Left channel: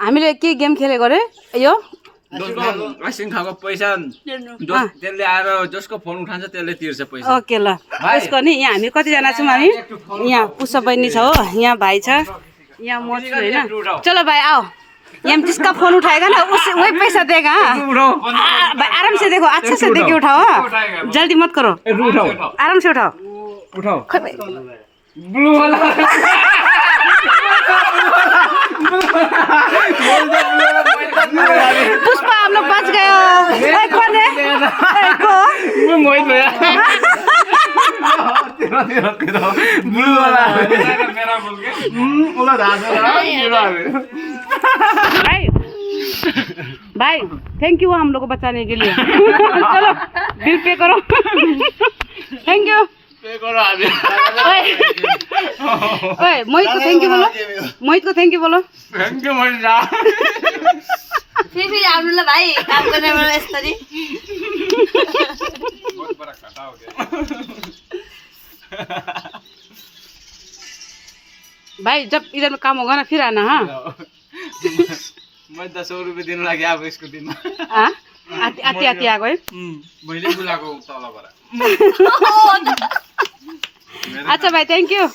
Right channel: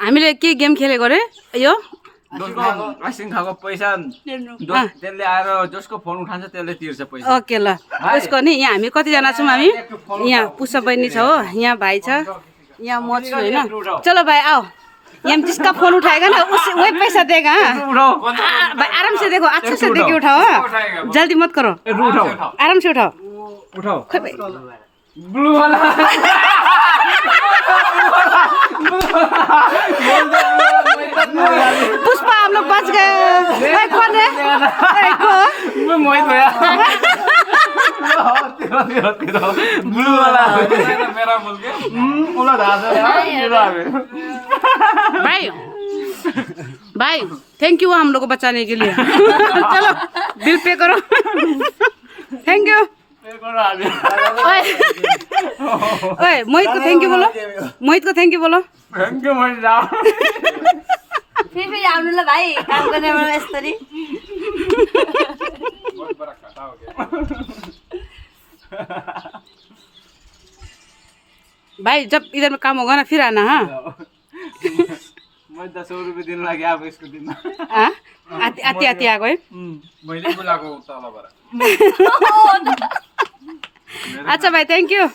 हामीले के गेम खेलेको रे यो आइसक्रिम खाएको पैसा त्यसले आएर जसको फोन उठान्छ त्यसले तिर्छ पैसा ओके ल उसको नि यहाँ हामी कतिजना छौँ हामी यहाँ पुष्पा बहिनी छ हो यहाँ भाइ छ यहाँ म छु होइन चलो भाई आओ यहाँ जिसका फोन उठाएगा ना उसे वही पैसा देगा भाई आराम से देखो अच्छा से देके उठाओ जल्दी मत करो आराम से उठाओ ब्लू वाला पुष्पा हम लोग बच गए कौन है मोहित भैया ब्लू वाला मेरा बोल के भाई भाई थैंक यू हम लोग को बचाने के लिए चलो बिल पे करो थैंक यू ओए मोहित को थैंक यू बोलो मोहित को थैंक यू बोलो थैंक यू मोहित दा फिर आउनु ल भाइ काम गर्ने मलाई यसरी बहुत बड़ा घाटा हो गया भाई जब इधर में काम होगा ना फिर आना हाँ मैं 10 रुपये दिन लगे अब इसको दिन हाँ आती आती आती आ गए मैले बुलाएको तलबाट अच्छा भाई थैंक यू